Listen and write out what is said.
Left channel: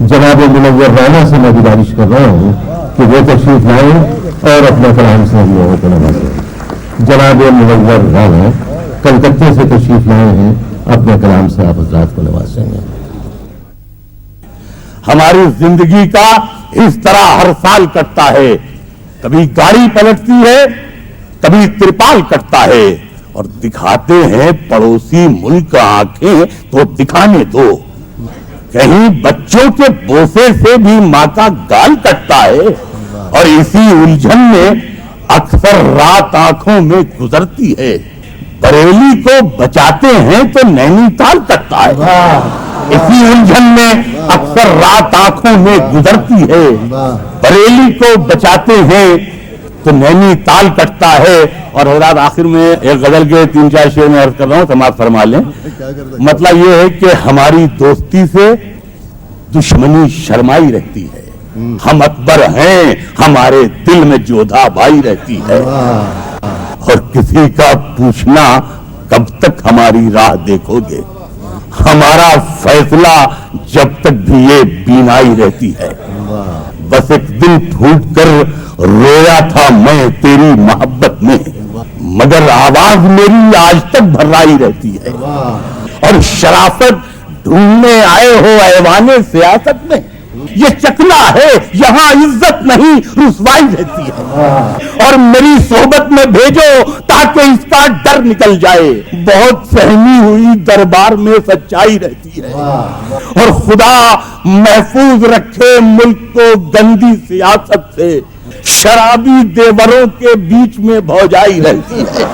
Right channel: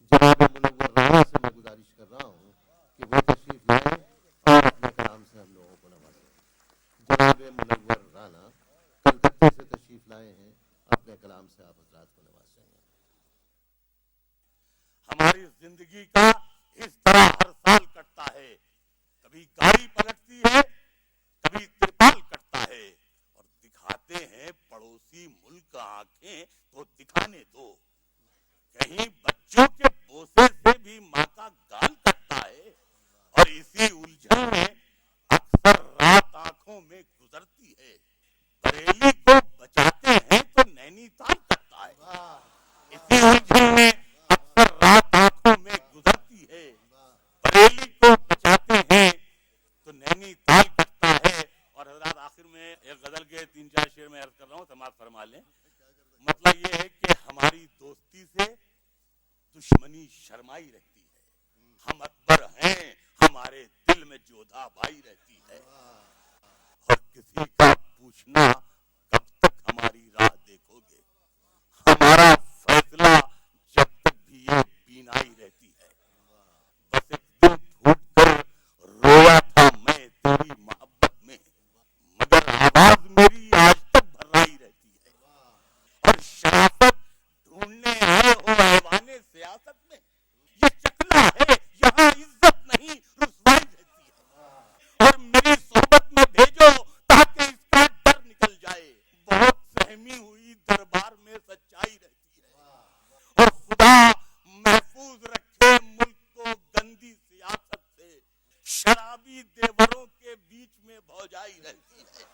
जनाब मुनव्वर राना से मैं गुजारिश कर रहा हूँ कि वो तशरीफ लाएं और अपने कलाम से हम लोगों को नवाजें। जनाब मुनव्वर राना कलकत्ते से तशरीफ लाए हैं, अपने कलाम से आप हज़रात को नवाजेंगे। हमारी जिंदगी का इस तरह हर साल कटता है, कभी गाड़ी पलटती है, कभी त्रिपाल कटता है, और दिखाते हैं पड़ोसी मुल्क आंखें तो दिखाने दो। कहीं बच्चों के बोसे से भी माँ का गाल कटता है, और इसी उलझन में अक्सर रात आंखों में गुजरती है। बरेली को बचाते हैं तो नैनीताल कटता है, इसी उलझन में अक्सर रात आंखों में गुजरती है। बरेली को बचाते हैं तो नैनीताल कटता है। और हज़रात आखिर में एक गजल के 3-4 शेर में अर्ज कर रहा हूं, समाज फरमा लें। मतलब ये है कि हमारी दोस्ती से दुश्मनी शर्माई रहती है, हम अकबर हैं, हमारे दिल में जोधा भाई रहती है, और किसी का पूछना कब तक हमारी राह देखोगे, हमारा फैसला जब तक भी ये बीनाई रहती है। बस एक दिल फूट कर रोया था मैं तेरी मोहब्बत में, मगर आवाज मेरी आज तक भर्राई रहती है। और शराफत ढूंढने आए हो ऐवाने सियासत में, ये चकना है यहाँ इज्जत नहीं रुसवाई रहती है। और मेरी सोहबत में भेजो ताकि इसका डर निकल जाए, बहुत सहमी हुई दरबार में सच्चाई रहती है। और खुदा महफूज रखे मुल्क को गंदी सियासत से, शराबी देवरों के बीच में भौजाई रहती है।